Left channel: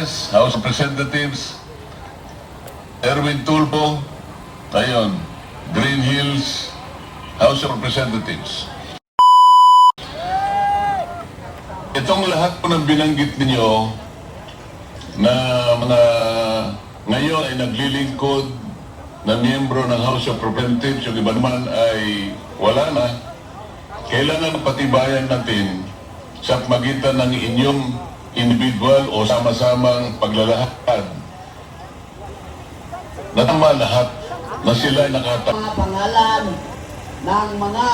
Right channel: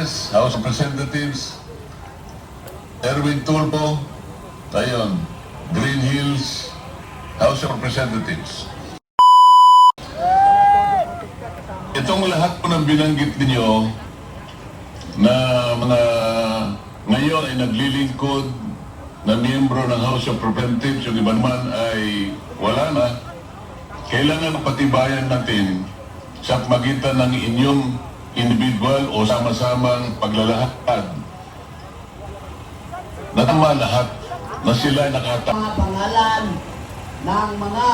Zambales, House of Representatives, Erwin Tulfo, ayun, Green Hills, House of Representatives. Itong lahat po ng binanggit ninyo na mga ngayon ay naglilingkod na miyembro ng House of Representatives, yung iba naman ay wala na, kailangan patibayan natin sa magitan ng inyong individual o sama-samang paglalahad na tama lahat na sila ay nakatama. Mga pangalan ng mga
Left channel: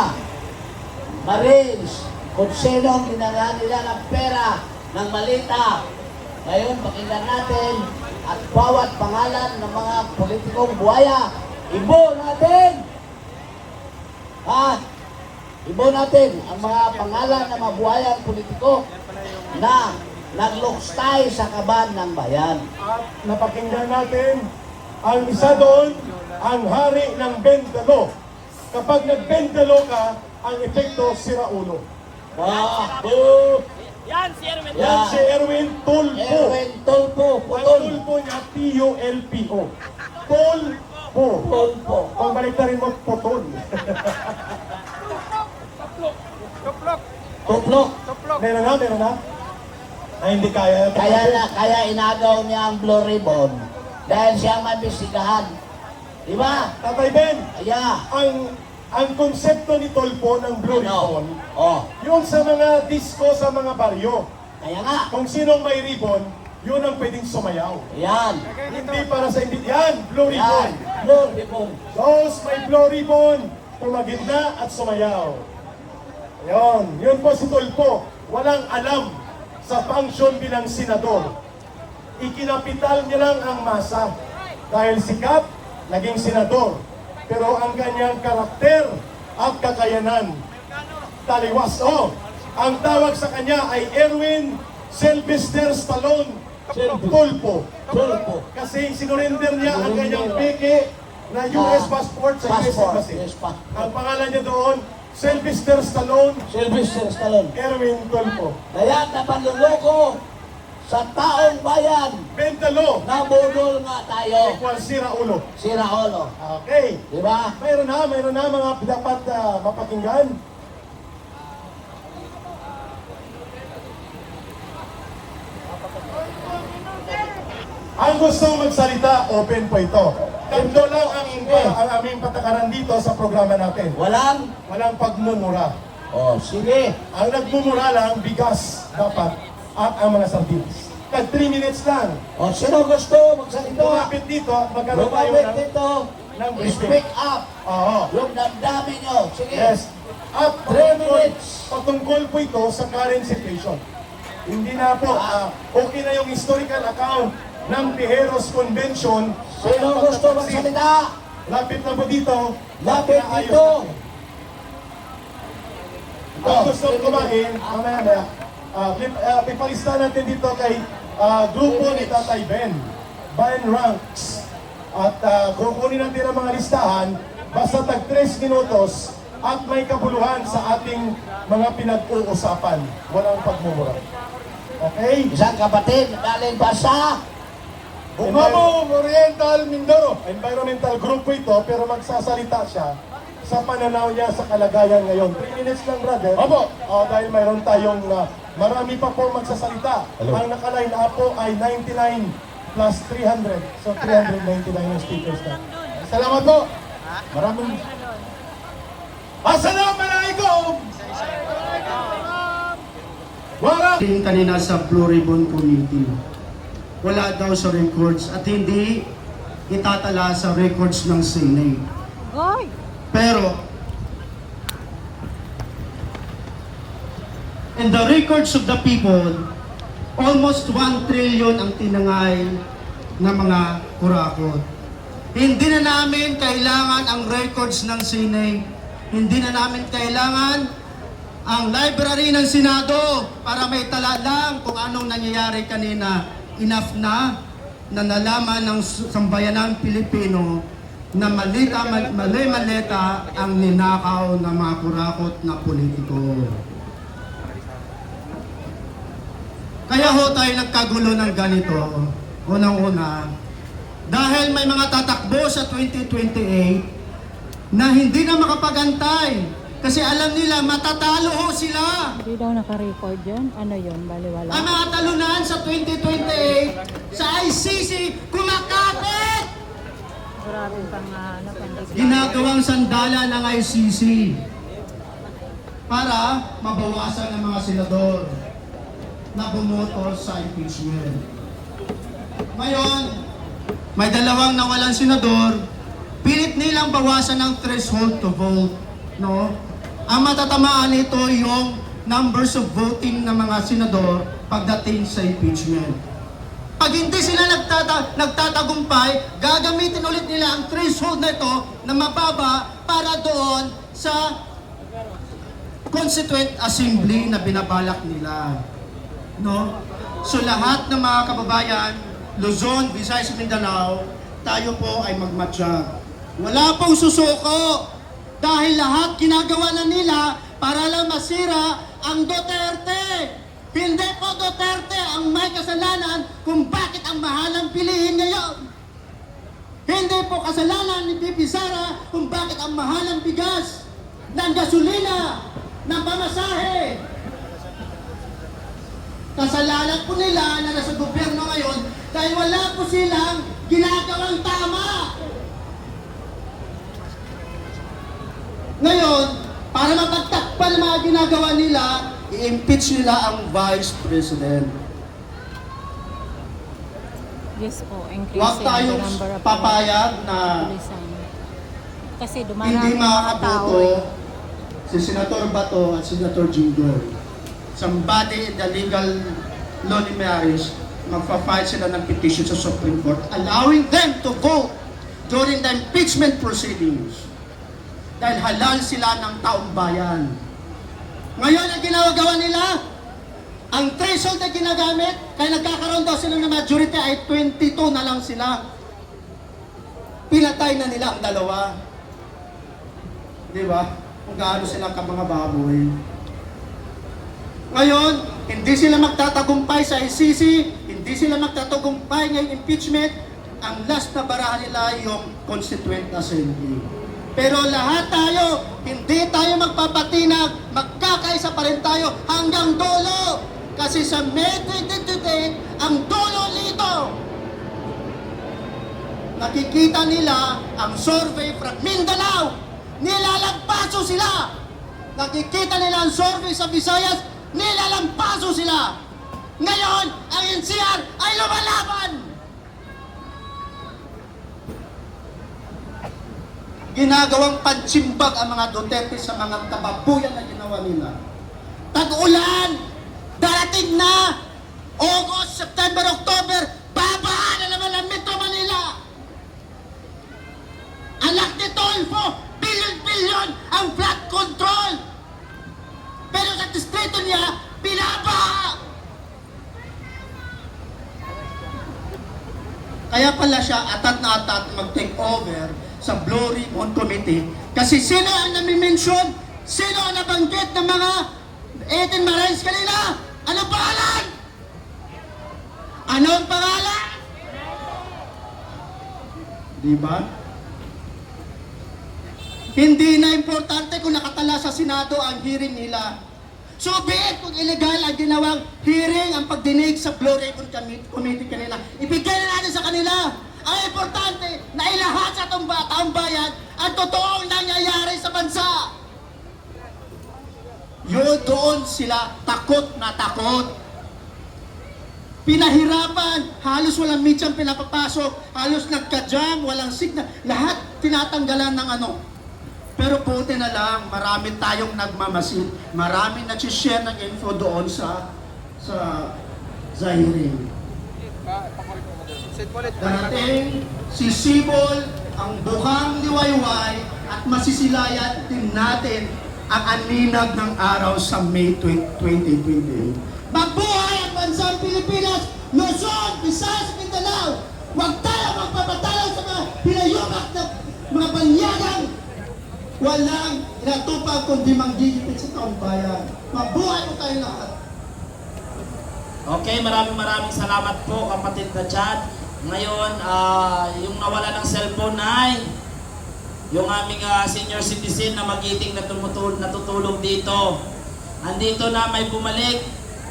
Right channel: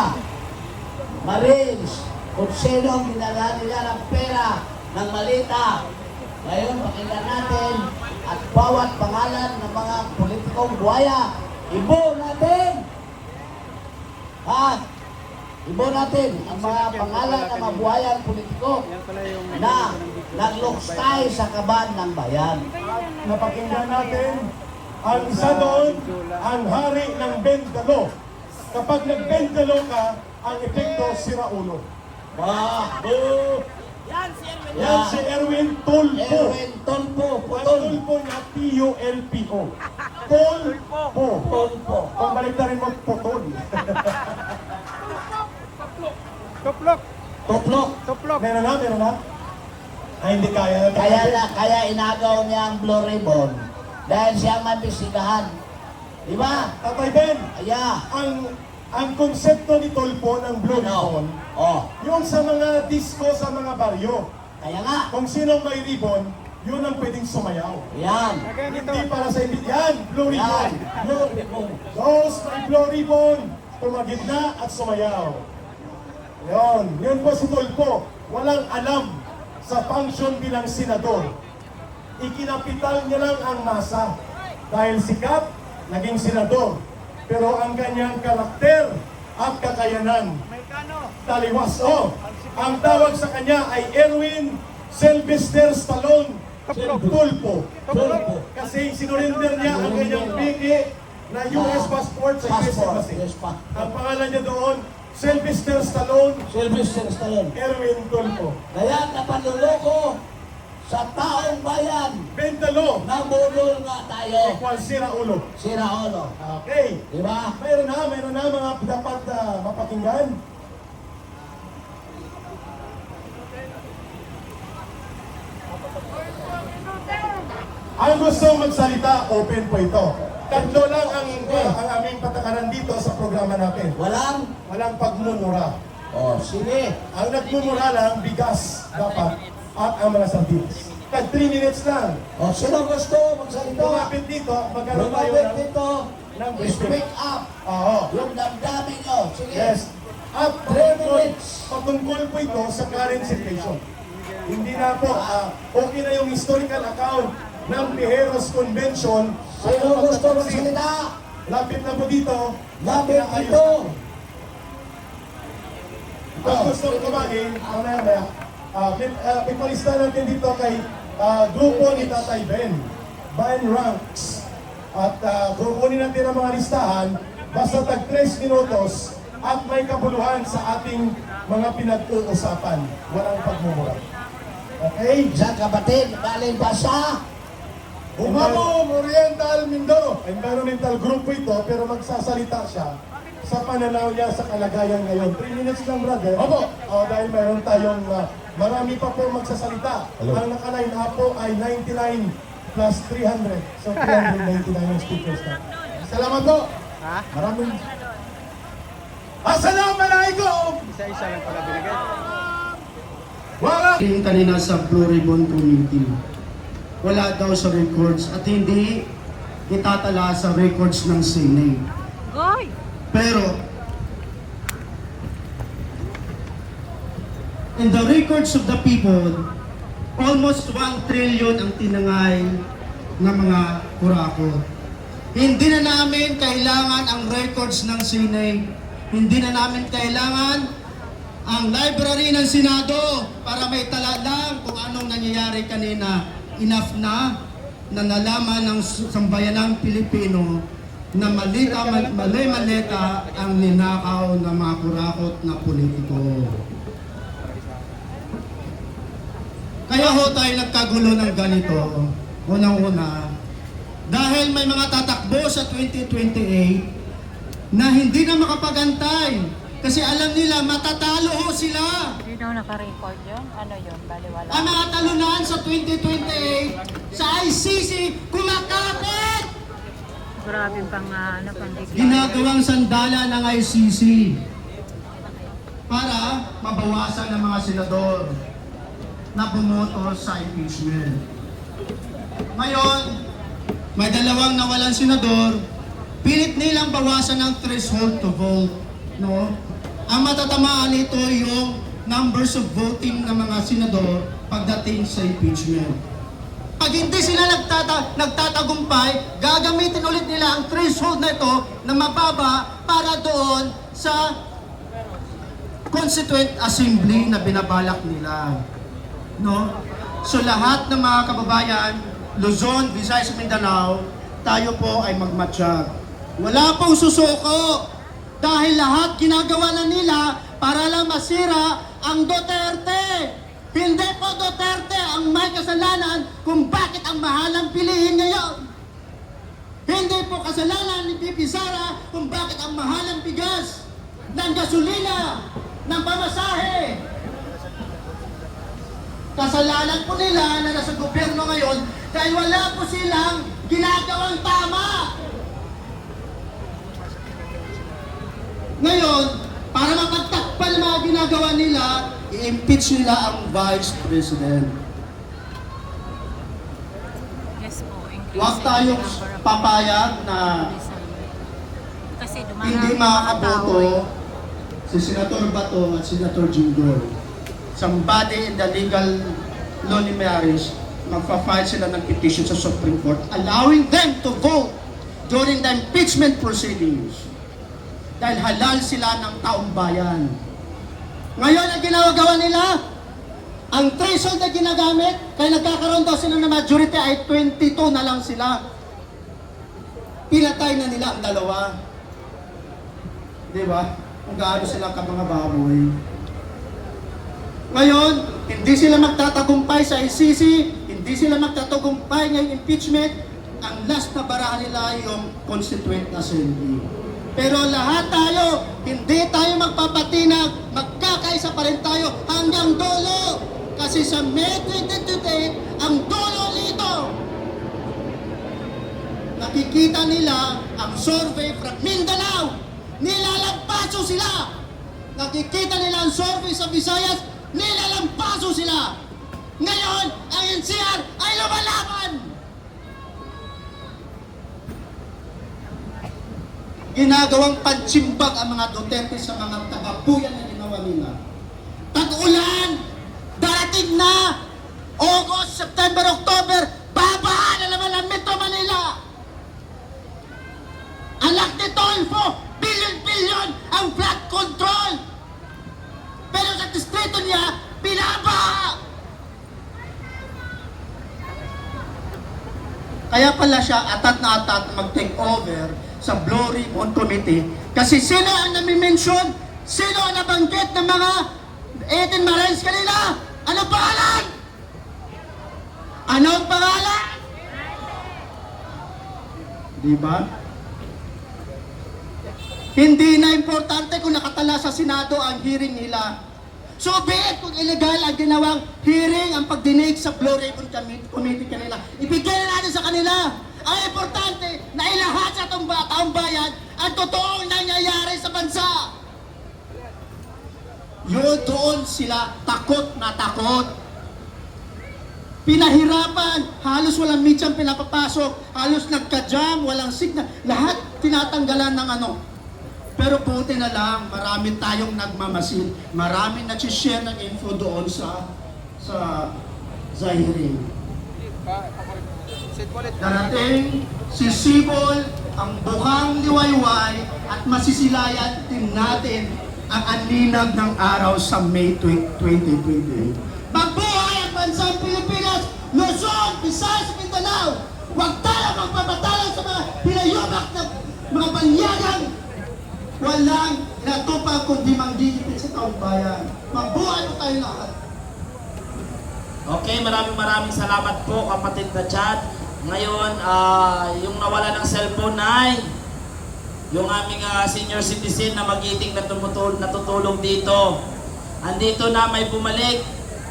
Marines kung sino ginagawa nila ng pera ng malita. Ngayon, pakinggan natin at bawat pangalan ng mga politikong buhaya, ibo natin! At ibo natin ang mga pangalan ng mga buhayang politiko na nagluksay sa kaban ng bayan. Napakinggan natin ang isa doon, ang hari ng Bendalo. Kapag nag-Bendalo ka, ang epekto sira ulo. Yan si Erwin. Yan si Erwin Tulfo. Erwin Tulfo. Ang Tulfo niya, T-U-L-P-O. Tulfo. Tulfo. Kung balik na rin mag-putol. Tuplok. Meron na? Ay, hindi kaya. Kaya inagaw niya ang Blue Ribbon dahil siya mabisigahan. Diba? Tatay Ben, Yeah. ang konsepto ni Tulfo ng Blue Ribbon, yung sa mga disco sa mga baryo. Kaya nga. Kung sino may ribbon, yun ang pwedeng sumayaw. Yan. Hindi para sa yan, Blue Ribbon. Blue Ribbon. Those may Blue Ribbon, tumagitna at sumayaw. Yun po si Tulfo. Walang alam sa function bilang senador. Ikinapital niya lang ang masa. Dahil sikat, naging senador. Pero ang kanyang karakter at kakayanan, taliwas. Ang tawag sa kanya ay Erwin Sylvester Stallone Tulfo. Kasi sinurinder niya ang kanyang peke na US passport sa US Embassy. Ang pangalan niya doon, Sylvester Stallone Sylvester Stallone. Erwin Tulfo. Kaya napanluloko sa taong bayan. Bendalo, Nabudol nga tayo. equal sira ulo. Sira ulo. Okay. Diba? Mayroon na mga dapat mapakinggan. Ang gusto magsalita, open po ito. Tatlo lang ang aming patakaran dito sa programa natin. Walang pagmumura. Sige. Ang nagmumura lang, bigas dapat at ang mga sardinas. Tag 3 minutes lang. Sino gusto magsalita? Lumapit dito, magkaroon tayo Lumapit dito. ng briefing. Speak up. Oo. Yung damdamin nyo. Sige. Yes. At 3 minutes. patungkol po ito sa current situation. Hindi na po, okay na yung historical account ng Tejeros Convention. Sino gusto magsalita? Lapit na po dito. Lapit Pinaayos dito. natin. Ang gusto kumain, mamaya, pipalista natin dito kay grupo ni Tatay Ben ranks. At kukunin natin ang mga listahan basta tag 3 minutos at may kabuluhan sa ating mga pinag-uusapan. Walang pagmumura. Okay? Isang kapatid, galing ba sa Bungabong Oriental Mindoro. Environmental group po ito, pero magsasalita siya sa pananaw niya sa kalagayan ngayon. 3 minutes lang, brother. Opo. Dahil mayroon tayong marami pa po magsasalita. Hello. Ang nakaline up po ay 99 plus 300. So 399 yung speakers na. Salamat po. Maraming... Assalamualaikum! Yung kanina sa Blue Ribbon Committee, wala daw sa records at hindi itatala sa records ng Senate. Pero, in the records of the people, almost 1 trillion ang tinangay ng mga kurakot. Hindi na namin kailangan ang records ng Senate. Hindi na namin kailangan ang library ng Senado para may tala lang kung anong nangyayari kanina. Enough na nalaman ng sambayanang Pilipino na mali-maleta ang ninakaw ng mga kurakot na politiko. Kaya ho tayo nagkagulo ng ganito. Unang-una, dahil may mga tatakbo sa 2028 na hindi na makapagantay. Kasi alam nila, matatalo ho sila. Hindi daw naka-record yun. Ano yun? Baliwala. Ang mga talunan sa 2028 sa ICC kumakapit! Grabe pang pandikla. Ginagawang sandala ng ICC para mabawasan ng mga senador na bumoto sa impeachment. Ngayon, may dalawang nawalan senador, pilit nilang bawasan ng threshold to vote. No? Ang matatamaan nito yung numbers of voting ng mga senador pagdating sa impeachment. Pag hindi sila nagtatagumpay, gagamitin ulit nila ang threshold na ito na mababa para doon sa Constituent Assembly na binabalak nila. No? So lahat ng mga kababayan, Luzon, Visayas, Mindanao, tayo po ay magmatsyag. Wala pong susuko dahil lahat ginagawa na nila para lang masira ang Duterte. Hindi po Duterte ang may kasalanan kung bakit ang mahalang pilihin ngayon. Hindi po kasalanan ni Bibi Sara kung bakit ang mahalang bigas ng gasolina, ng pamasahe. Kasalanan po nila na nasa gobyerno ngayon dahil wala po silang ginagawang tama. Ngayon, para mapagtakpan ang mga ginagawa nila, i-impeach nila ang Vice President. Yes po. Huwag tayong papayag na Kasi hindi dumarami mga tao makakaboto eh. si Senator Bato at Senator Jinggoy. Somebody in the legal law ni marriage, magpa-file sila ng petition sa Supreme Court allowing them to vote during the impeachment proceedings. Dahil halal sila ng taong bayan. Ngayon, ang ginagawa nila, ang threshold na ginagamit, kaya nagkakaroon daw sila ng majority ay 22 na lang sila. Pinatay na nila ang dalawa. Di ba? Kung gaano sila ka mga baboy. Ngayon, hindi sila magtatagumpay sa ICC, hindi sila magtatagumpay ngayong impeachment, ang last na barahan nila yung Constituent Assembly. Pero lahat tayo, hindi tayo magpapatinag, magkakaisa pa rin tayo hanggang dulo. Kasi sa May 2028, ang dulo nito, nakikita nila ang survey from Mindanao, nilalagpaso sila. Nakikita nila ang survey sa Visayas, nilalampaso sila. Ngayon, ang NCR ay lumalaban. Ginagawang pansimbag ang mga Duterte sa mga kababuyan na ginawa nila. Tag-ulan, darating na, August, September, October, babaan na naman ang Metro Manila. Anak ni Tolfo, bilyon-bilyon ang flood control. Pero sa distrito niya, binabaha. Kaya pala siya atat na atat mag-take over sa Blue Ribbon Committee. Kasi sino ang nami-mention? Sino ang nabanggit ng mga 18 Marines kanina? Anong pangalan? Anong pangalan? Diba? Hindi na importante kung nakatala sa Senado ang hearing nila. So be it kung illegal ang ginawang hearing, ang pagdinig sa Blue Ribbon Committee kanila. Ibigay na natin sa kanila. Ang importante na ilahat sa taong bayan ang totoong nangyayari sa bansa. Yun, doon sila takot na takot. Pinahirapan, halos walang mitsang pinapapasok, halos nagka-jam, walang signal, lahat tinatanggalan ng ano. Pero buti na lang, marami tayong nagmamasid, marami nag-share ng info doon sa hearing. Darating si Sibol, ang buhang liwayway at masisilayan din natin ang aninag ng araw sa May 2020. Mabuhay ang bansang Pilipinas, Luzon, Visayas, Mindanao. Huwag tayo magpapatalo sa mga pinayumak na mga banyagang walang inatupag kundi manggigipit sa taong bayan. Mabuhay tayo lahat. Okay? kami. Maraming salamat po, kapatid na Chad. Ngayon, yung nawala ng cellphone ay yung aming senior citizen na magiting na natutulog dito. Andito na, may bumalik,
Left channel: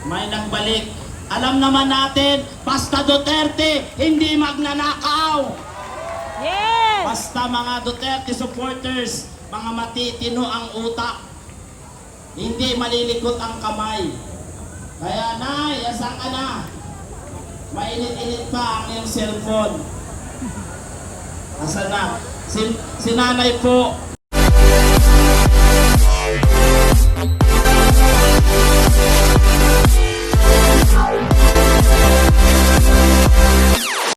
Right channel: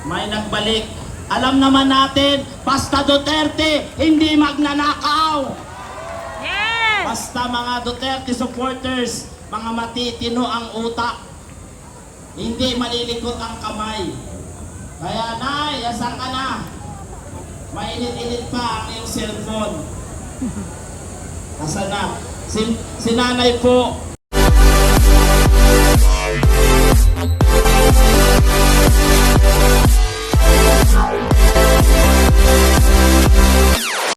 may nagbalik. Alam naman natin, basta Duterte, hindi magnanakaw. Yes! Basta mga Duterte supporters, mga matitino ang utak. Hindi malilikot ang kamay. Kaya Nay, asan ka na? Mainit-init pa ang iyong cellphone. Asan na? Si nanay po,